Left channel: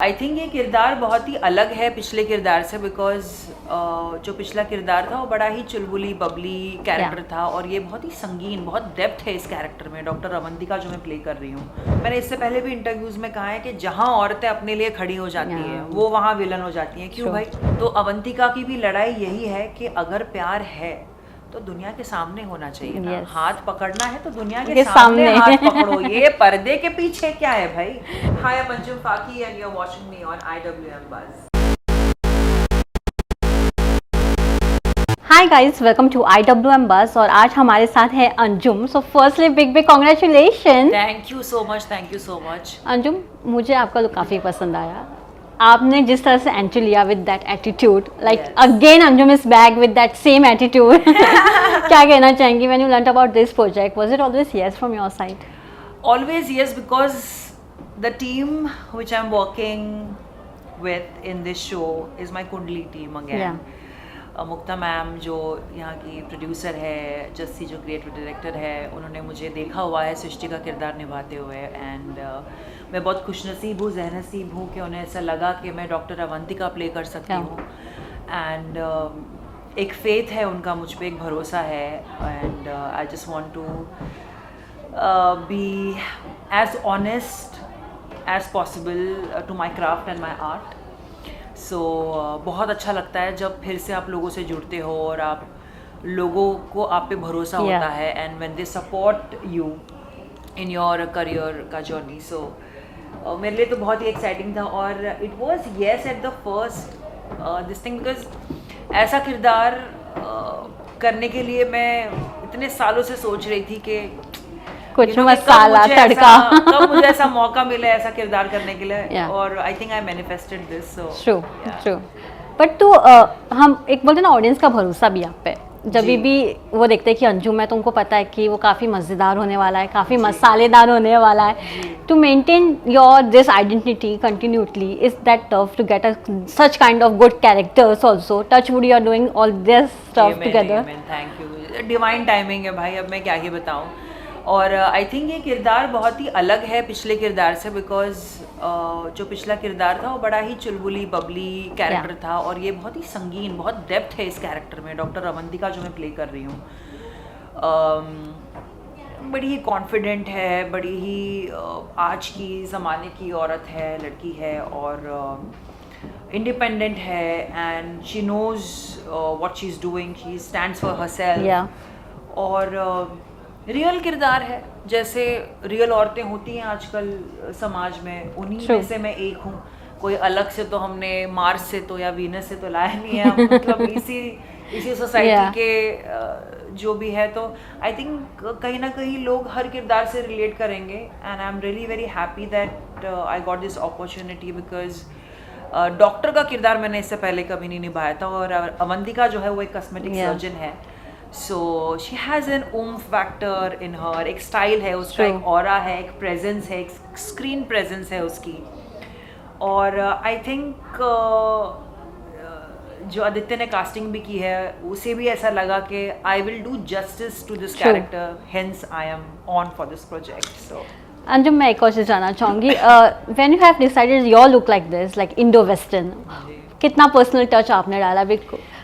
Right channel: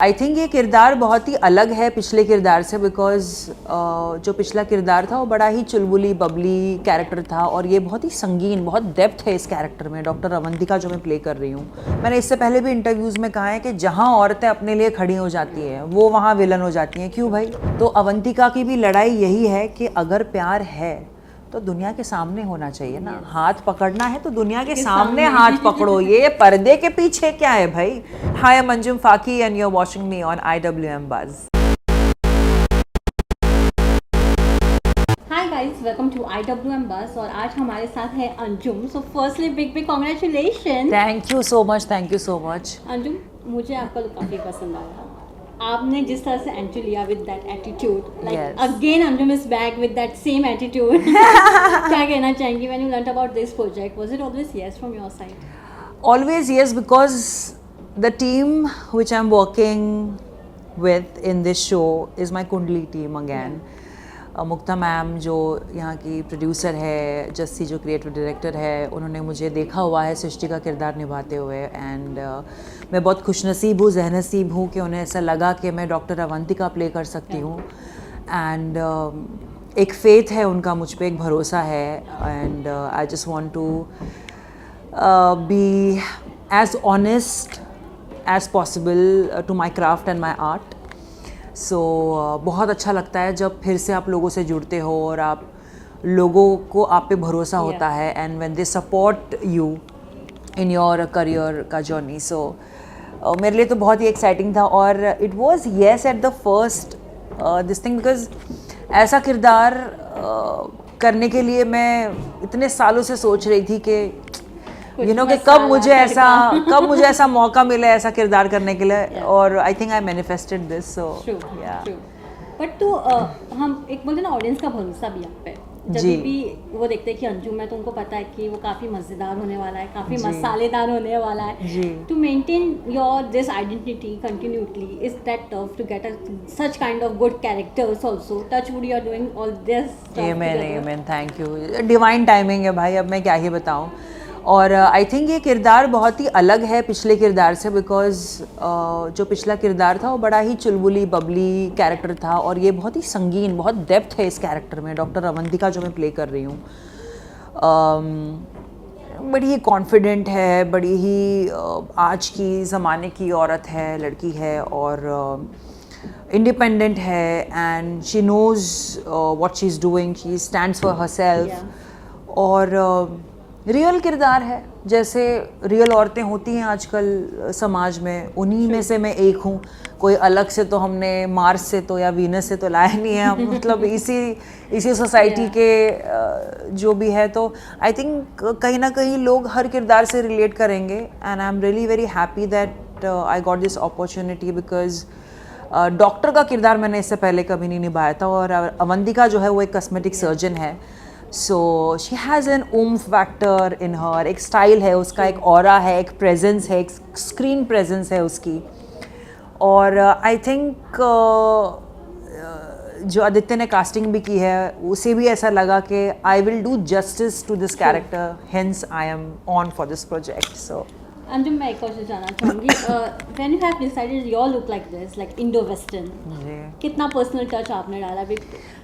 I think ये किरदार बहुत ही अलग है पिछले किरदार से बिकॉज जो पिछला किरदार था वो बड़ा ही चुलबुली बबली कैरेक्टर था और ये बहुत ही संगीन, बहुत डेप्थ है इस कैरेक्टर में। डॉक्टर अवंतिका जो मैं प्ले कर रही हूँ, मैंने इससे पहले भी इंटरव्यूज में कहा है कि जहाँ औरतें अपने लिए खड़ी हो जाती हैं वो वहाँ विलन हो जाती हैं। क्यों भाई? तो अवंतिका की भी लड़ाई यही है कि अगर प्यार है तो दुनिया के सामने होना चाहिए ना। हाथ पकड़ना है तो दुनिया के सामने हाथ पकड़ो, ये पर्दे के पीछे क्या है भाई। Hi, I am Anjum Faki and you are watching me on IWM Buzz। Hi guys, welcome to IWM Buzz और आज हमारे साथ है Anjum. So firstly big congratulation. Thank you so much, thank you so much. Anjum, मुझे आपका लुक काफी पसंद आया। आपने जिस तरह से एंट्री लिया with that attitude, like again Anjum is back with that same attitude. क्या कहना चाहेंगी when you learned about this project? Was it always yes from your side? Always yes, because the team which I'm working with in this show is my Kundli team again. Mukta ma'am जो यहाँ की producer है, जस्सी जो creative director है, उन्होंने मुझे देखा हुआ है सृष्टि का किरदार निभाते हुए एंड मैं बहुत खुशनसीब हूँ, जहनसीब हूँ कि उन्हें ऐसा लगा कि मैं डॉक्टर अवंतिका प्ले कर सकती हूँ। एंड एक फेथ है उनका मुझ पे, एक भरोसा है and I just want to be as honest as possible to my craft and my art. So बहुत अच्छा लगता है जब फिर से आप लोगों से जुड़ते हो और आप लोगों को आप पे भरोसा होता है and when they support you in your career का journey. So मेरे लिए तो बहुत ही एक्साइटिंग था और it was yes at the first this thing because ऐसा किरदार करने के लिए मैं इतने सालों से सोच रही थी कि कब मुझे ऐसा मौका मिले ऐसा किरदार करने के लिए और I think I manifested this. So true. But तो हम एक बोलते ना ऑडियंस का भरोसा भी आप पे, जब भी वो देखते हैं कि अंजुम है तो उनको पता है कि वो काफ़ी मज़ेदार होने वाला है, काफ़ी मसालेदार होने वाला है। To maintain your this identity continuously is that tough to get such kind of good characters also. Touch wood you are doing all this stuff together. Thank you. Divine timing है भाई, अब मैं क्या ही बताऊं। और आई थिंक ये किरदार बहुत ही अलग है पिछले किरदार से बिकॉज जो पिछला किरदार था वो बड़ा ही चुलबुली बबली कैरेक्टर था और ये बहुत ही संगीन, बहुत डेप्थ है इस कैरेक्टर में। डॉक्टर अवंतिका जो मैं प्ले कर रही हूँ बड़ी ही कॉन्फिडेंट है, बड़ी ही आज की ज़माने की औरत है, लड़की है और इंडिपेंडेंट है and she knows what she is doing, she stands for herself. और रियल किरदार है, जैसे रियल औरतें होती हैं आजकल समाज में, उन्हीं में से मैं एक हूँ। कोई अलग से तो हमने मार्स से तो या वीनस से तो लाया नहीं है, मतलब इसी सोसाइटी के जो भी है। तो आई थिंक कहीं ना कहीं लोग हर किरदार से रिलेट करेंगे and I am really very happy that I got this opportunity because doctor का किरदार मैंने इससे पहले कभी नहीं निभाया था और अवंतिका जो है वो एक कॉस्मेटिक सर्जन है। So she has an oomph factor in her, एक स्टाइल है उसका, एक ऑरा है, एक प्रेजेंस है, एक स्क्रीन प्रेजेंस है उसकी। और आई थिंक जो आदित्य ने कास्टिंग भी की है उसे भी ऐसा लगा कि I will do justice to this character, hence I am on for this project. So Anjum, मैं एक और चीज़ जानना चाहूँगी, when you have decided your look like this, like Indo western, कितना पर्सनल टच आपने डाला?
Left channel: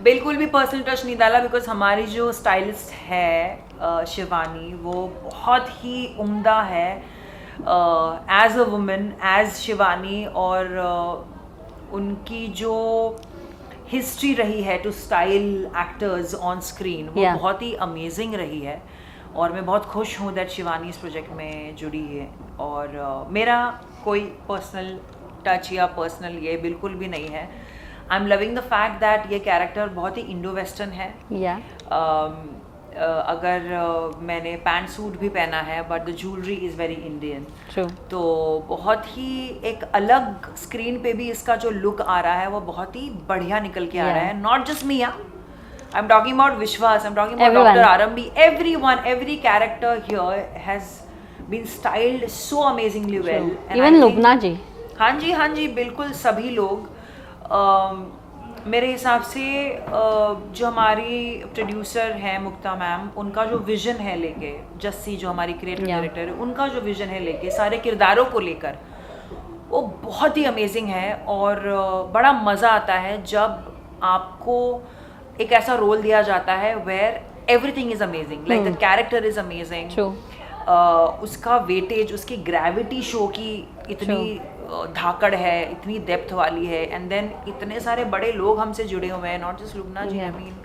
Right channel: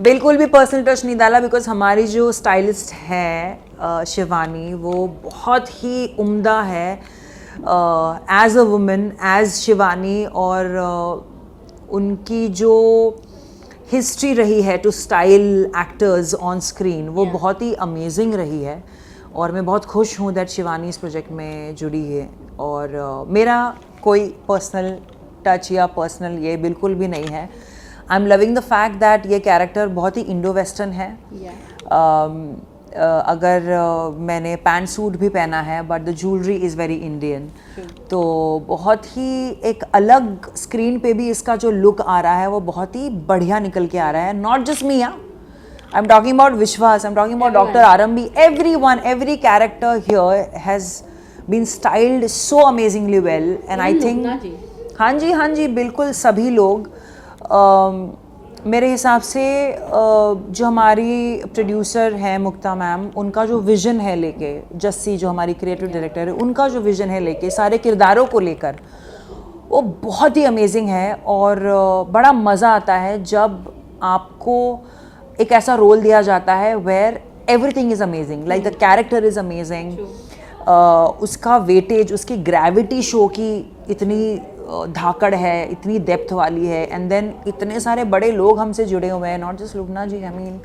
बिल्कुल भी पर्सनल टच नहीं डाला बिकॉज हमारी जो स्टाइलिस्ट है शिवानी, वो बहुत ही उम्दा है as a woman, as Shivani. और उनकी जो हिस्ट्री रही है to style actors on screen वो बहुत ही अमेजिंग रही है और मैं बहुत खुश हूँ दैट शिवानी इस प्रोजेक्ट में जुड़ी है। और मेरा कोई पर्सनल टच या पर्सनल ये बिल्कुल भी नहीं है। I am loving the fact that ये कैरेक्टर बहुत ही इंडो वेस्टर्न है। अगर मैंने पैंट सूट भी पहना है but the jewellery is very Indian, तो बहुत ही एक अलग स्क्रीन पे भी इसका जो लुक आ रहा है वो बहुत ही बढ़िया निकल के आ रहा है। Not just me, I am talking about Vishwas, I am talking about doctor Arambhi, everyone, every character here has been styled so amazingly well and I think हाँ जी बिल्कुल सभी लोग मेरे हिसाब से जो हमारी प्रोड्यूसर हैं मुक्ता मैम, उनका जो विज़न है लेके, जस्सी जो हमारी क्रिएटिव डायरेक्टर है, उनका जो विज़न है लेके सारे किरदारों को लेकर वो बहुत ही अमेजिंग है और बड़ा मज़ा आता है जब आपको एक ऐसा रोल दिया जाता है where everything is amazing, like the character is amazing, उसका वेटेज, उसकी ग्रेविटी शो की इतनी धाकड़ है, इतनी डेप्थ वाली है, एंड देन इतने सारे बड़े लोग हमसे जुड़े हुए हैं, not just Lubna ji, I mean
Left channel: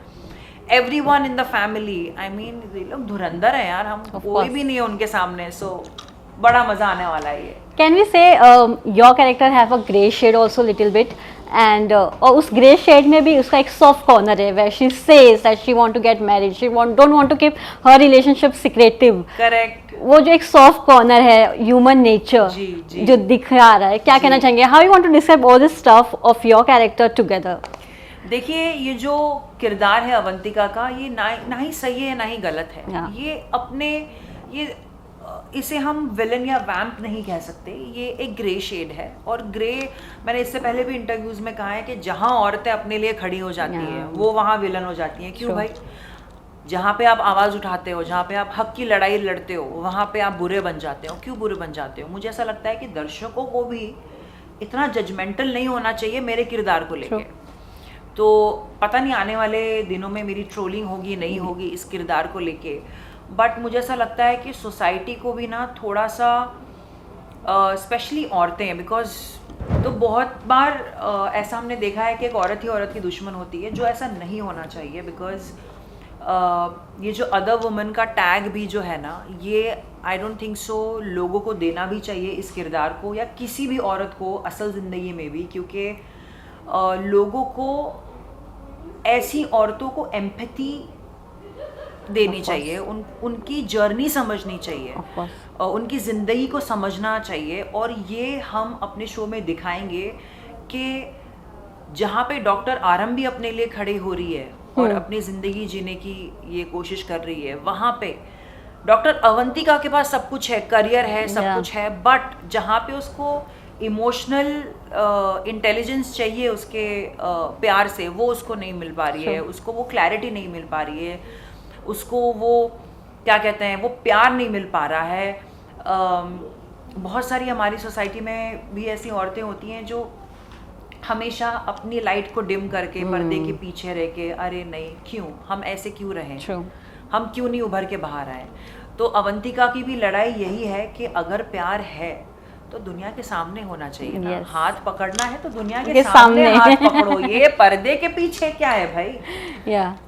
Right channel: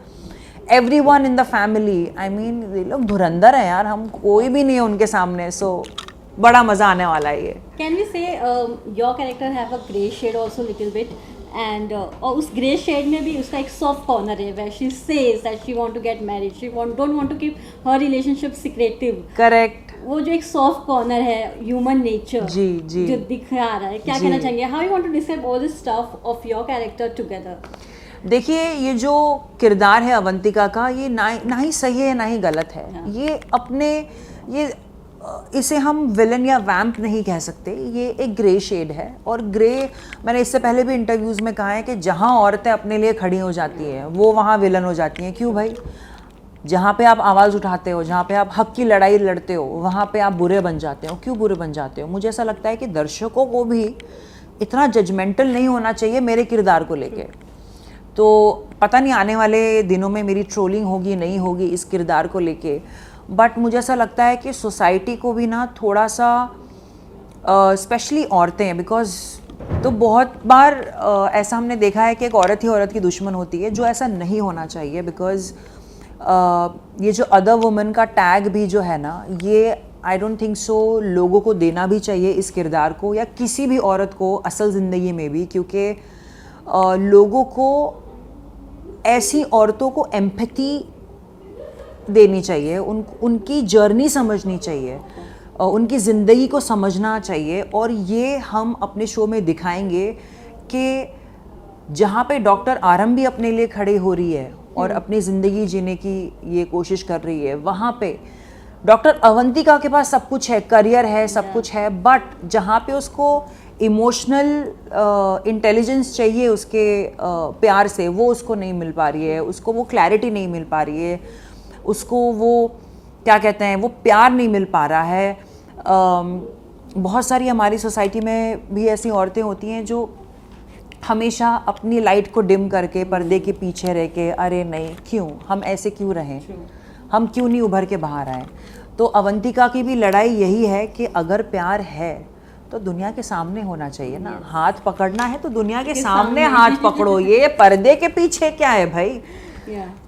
everyone in the family, I mean ये लोग धुरंधर हैं यार, हम कोई भी नहीं है उनके सामने, सो बड़ा मजा आने वाला है ये। Can we say your character have a grey shade also little bit and और उस grey shade में भी उसका एक soft corner है where she says that she want to get married, she don't want to keep her relationship secretive. Correct. वो जो एक soft corner है human nature जी, जी. जो दिख रहा है, क्या कहना चाहेंगे? How you want to describe all this stuff of your character together? देखिए ये जो किरदार है अवंतिका का, ये ना ही सही है ना ही गलत है। ये अपने इसे हम विलन या वैम्प नहीं कह सकते, ये एक ग्रे शेड है। और ग्रे, मैंने इससे पहले भी इंटरव्यूज में कहा है कि जहाँ औरतें अपने लिए खड़ी हो जाती हैं वो वहाँ विलन हो जाती हैं। क्यों भाई? जहाँ पे आप आवाज़ उठाते हो, जहाँ पे आप हक की लड़ाई लड़ते हो, वहाँ पे आप बुरे बन जाते हो। क्यों बुरे बन जाते हो? मुझे ऐसा लगता है कि दर्शकों को भी इतना जजमेंटल नहीं होना चाहिए मेरे किरदार को लेके। तो पता नहीं आने वाले दिनों में मेरी ट्रोलिंग होगी नहीं होगी इस किरदार को लेके, बट मुझे ऐसा लगता है कि सोसाइटी को भी ना थोड़ा सा, स्पेशली औरतें, बिकॉज तो बहुत बार ऐसा हमने देखा है कि एक औरत ही औरत की दुश्मन होती है, जो ऐसा नहीं होना चाहिए। बिकॉज ये जो अदर वुमन का टैग भी जो है ना, ये आई डोंट थिंक सो लोगों को देना भी चाहिए इस किरदार को, या किसी भी औरत को असल ज़िंदगी में भी, क्योंकि लोगों को ऐसी औरतों को एम्पैथी देनी चाहिए, उनकी जर्नी समझनी चाहिए, उनकी ज़िंदगी को समझना चाहिए। और ये हम अपने शो में दिखाएंगे कि जहाँ पे डॉक्टर आरम भी अपने लिए खड़ी हो रही है और अपनी ज़िंदगी जीने की ये कोशिश कर रही है, वहाँ पे डॉक्टर अवंतिका के पास सब कुछ है, करियर है, सब कुछ है, बट जहाँ पे उसको इमोशनल इंटेलिजेंस चाहिए उसके प्यार से, वो उसको नहीं मिल पा रही है, उसको वो क्लैरिटी नहीं मिल पा रही है, उसको वो क्या कहते हैं, वो प्यार नहीं मिल पा रहा है। बहुत सारी हमारी सोसाइटी में भी ऐसी औरतें होती हैं जो हमेशा अपनी लाइट को डिम करके पर्दे के पीछे रह के, अरे नहीं, क्यों हम ऐसे क्यों रहें, हम क्यों नहीं उभर के बाहर आए। तो अवंतिका की भी लड़ाई यही है कि अगर प्यार है तो दुनिया के सामने होना चाहिए ना। हाथ पकड़ना है तो दुनिया के सामने हाथ पकड़ो, ये पर्दे के पीछे क्या है भाई।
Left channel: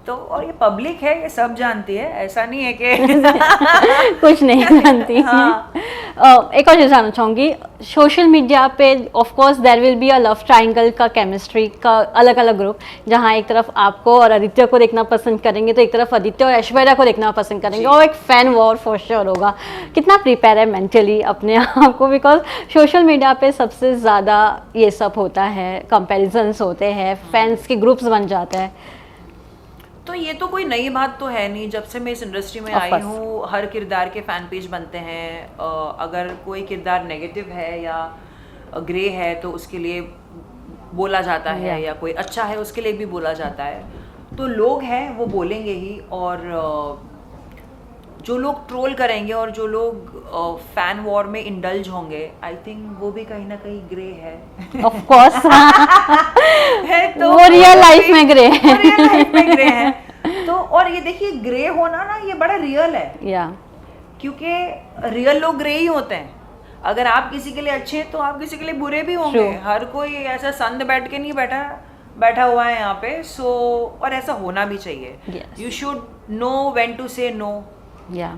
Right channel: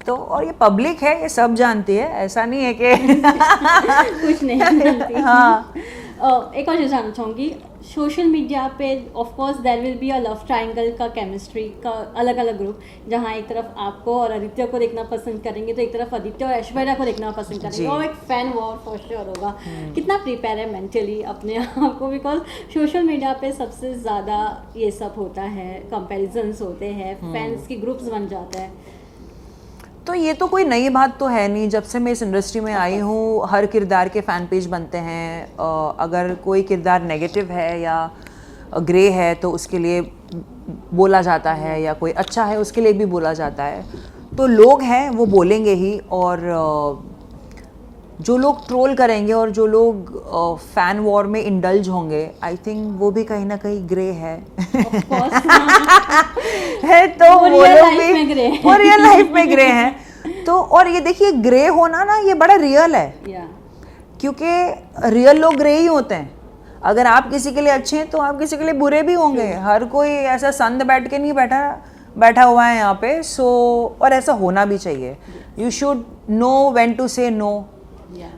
तो और ये पब्लिक है, ये सब जानती है, ऐसा नहीं है कि कुछ नहीं जानती। हाँ। एक और चीज़ जानना चाहूँगी, सोशल मीडिया पे of course there will be a love triangle का केमिस्ट्री का अलग अलग ग्रुप, जहाँ एक तरफ आपको और आदित्य को देखना पसंद करेंगे तो एक तरफ आदित्य और ऐश्वर्या को देखना पसंद करेंगे, और एक फैन वॉर फॉर श्योर होगा। कितना प्रिपेयर है मेंटली अपने आप को, बिकॉज सोशल मीडिया पे सबसे ज़्यादा ये सब होता है, कंपेरिजन्स होते हैं, फैंस के ग्रुप्स बन जाते हैं। तो ये तो कोई नई बात तो है नहीं, जब से मैं इस इंडस्ट्री में आई हूँ हर किरदार के फैन पेज बनते हैं। अगर कोई किरदार नेगेटिव है या ग्रे है तो उसके लिए बोला जाता है, या कोई अच्छा है उसके लिए भी बोला जाता है। तो लोग हैं वो बोलेंगे ही, और जो लोग ट्रोल करेंगे और जो लोग फैन वॉर में इंडल्ज होंगे, आई थिंक वो भी कहीं ना कहीं ग्रे है। ऑफ कोर्स है तो वो रियल लाइफ में ग्रे है, वो रियल लाइफ में ग्रे है। तो और ये देखिए, ग्रे होना ना ये बड़ा रियल है, क्योंकि रियल लोग ग्रे ही होते हैं। अगर आप किसी के लिए अच्छे हैं तो आप किसी के लिए बुरे भी होंगे। हर कोई ऐसा संद बैठ के नहीं बैठा हुआ है यहाँ पे। सो और ऐसा होना भी चाहिए। You should know when to say no,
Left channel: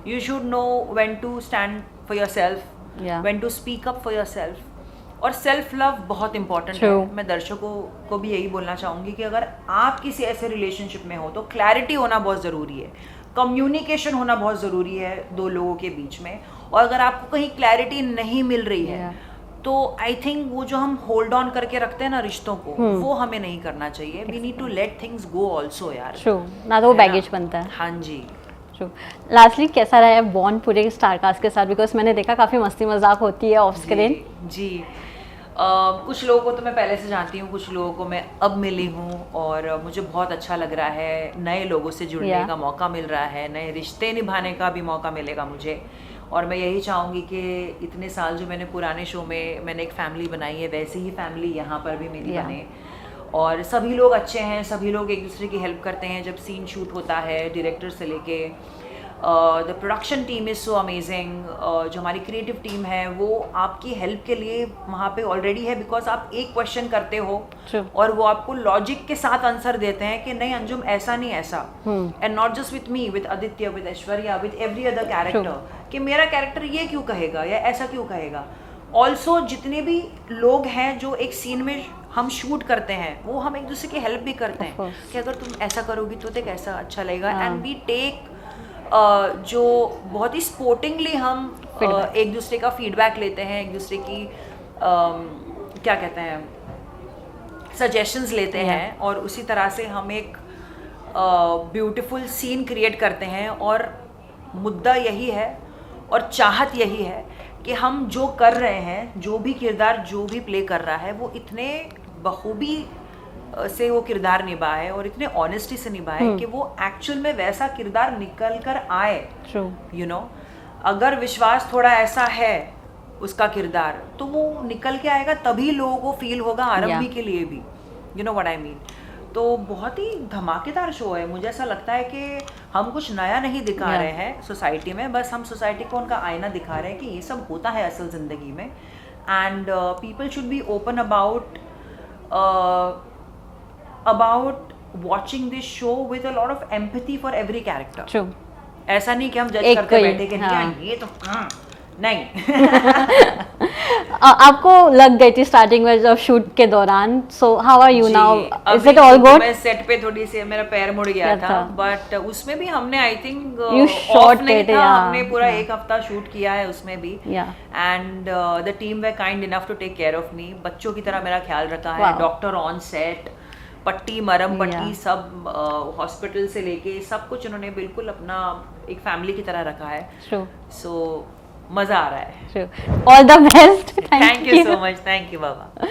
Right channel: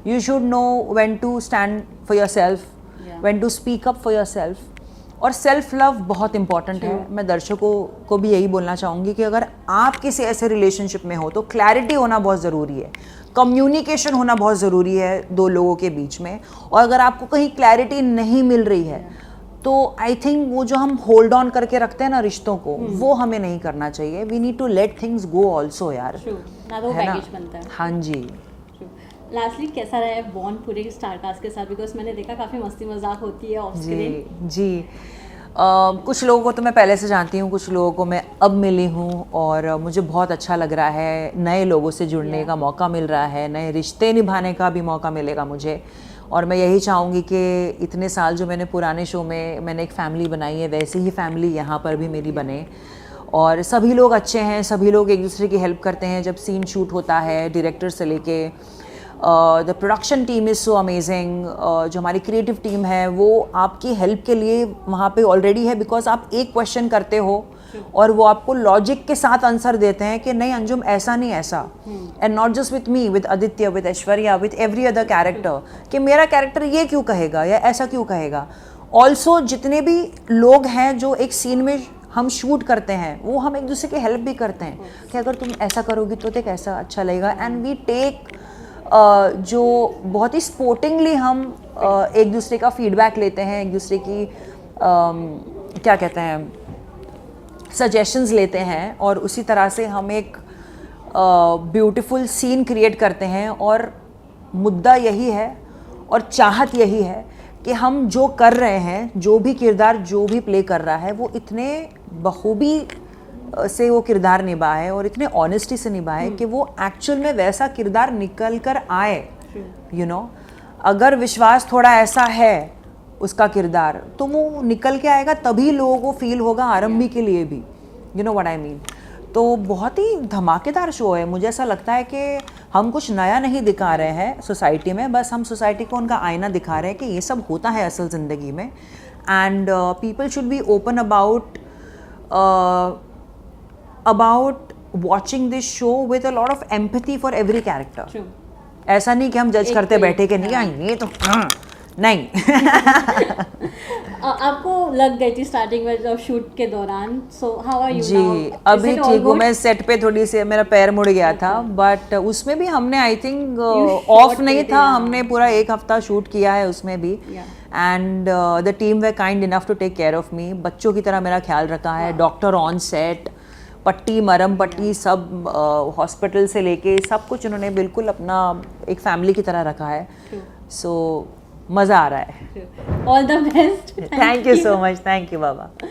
you should know when to stand for yourself, when to speak up for yourself, और सेल्फ लव बहुत इंपॉर्टेंट है। मैं दर्शकों को भी यही बोलना चाहूँगी कि अगर आप किसी ऐसे रिलेशनशिप में हो तो क्लैरिटी होना बहुत ज़रूरी है, कम्युनिकेशन होना बहुत ज़रूरी है दो लोगों के बीच में। और अगर आपको कहीं क्लैरिटी नहीं मिल रही है तो आई थिंक वो जो हम होल्ड ऑन करके रखते हैं ना रिश्तों को, वो हमें नहीं करना चाहिए। We need to let things go also यार, ना तो वो बैगेज बनता है। हाँ जी। लास्टली कैसा रहा है बॉन्ड पूरे स्टारकास्ट के साथ, बिकॉज मैंने देखा काफ़ी मस्ती मजाक होती है ऑफ स्क्रीन। जी कुछ लोगों को तो मैं पहले से जानती हूँ, कुछ लोगों को मैं अब मिली हूँ, और मुझे बहुत अच्छा लग रहा है। नए लोगों से जुड़ने का मौका मिल रहा है, नए रिश्ते निभाने का भी मौका मिलेगा मुझे, और मैं यही चाहूँगी कि इतने साल जो मैंने पुराने शो में मैंने एक फैमिली बनाई है, वैसी ही फैमिली यहाँ पर भी मेरी बने। और सभी लोग अच्छे हैं, सभी लोग एक दूसरे की हेल्प करते हैं जब सीन शूट होता है, डायरेक्टर से लेके the production team is so amazing. जो हमारी क्रिएटिव टीम है वो आपकी हेल्प के लिए वहाँ पे ऑलरेडी है, बिकॉज आप एक क्वेश्चन करते हो और वो आपको लॉजिक के साथ आंसर देते हैं कि नहीं अंजुम ऐसा नहीं ऐसा। And not just with me, with Aditya, with Aishwarya, with every other character, कि मेरा कैरेक्टर ये क्यों कहेगा या ऐसा क्यों कहेगा। ऑल्सो जितने भी लोग हैं जो एक सीन में हम शूट करते हैं वो हम एक दूसरे की हेल्प भी करते हैं कि अगर तुम ऐसा करोगी तो देख ऐसा अच्छा लगेगा। एंड वी टेक जो बहुत ही स्पोर्टिंगली हम एक दूसरे का फीडबैक लेते हैं, एक दूसरे की क्या कहते हैं सजेशंस लेते हैं, और उसी तरह से हम एक ब्यूटीफुल सीन क्रिएट करते हैं। और मुद्दा यही है और चाहत यही है कि हम जो कर रहे हैं, जो भी किरदार जो भी प्ले कर रहा है वो इतने बखूबी से वो किरदार निभाए और इतने ऑनेस्टी से निभाए कि वो एक्चुअल में वैसा किरदार निकल कर आए। यू नो, अगर विश्वास थोड़ा ऐसा है उसका किरदार तो वो निकल के आएगा, तभी लोगों को फील होगा आरंभी के लिए भी। You know what I mean. तो बहुत ही धमाकेदार शो है। मुझे ऐसा लगता है कि हम कुछ नया नहीं दिखा रहे हैं सोसाइटी में, बस हम सोसाइटी को उनका आईना दिखा रहे हैं कि ये सब होता है असल ज़िंदगी में। And people should be open about watching this show with a lot of empathy for every character. True. ऐसा नहीं कि हम जज करके बैठे कि नहीं ये तो नहीं। आपको लग गई थी स्टार्टिंग में जब शूट के दौरान, so how are you now? Is it all good? मैं सेट पे थोड़ी सी मेरा पैर मुड़ गया था, बट उसमें भी हमने आई थिंक ऑफ नहीं था, हमने पूरा एक हफ्ता शूट किया है उसमें भी। And the team were kind enough to take care of me, बच्चों की तरह मेरा ख्याल रखा है। डॉक्टर ऑन सेट, पट्टी मरम पट्टी सब हॉस्पिटल से लेके सब कुछ उन्होंने बिल्कुल अपना एक फैमिली की तरह रखा है। सो मज़ा आ रहा है। All the best. Thank you so much. Thank you Baba.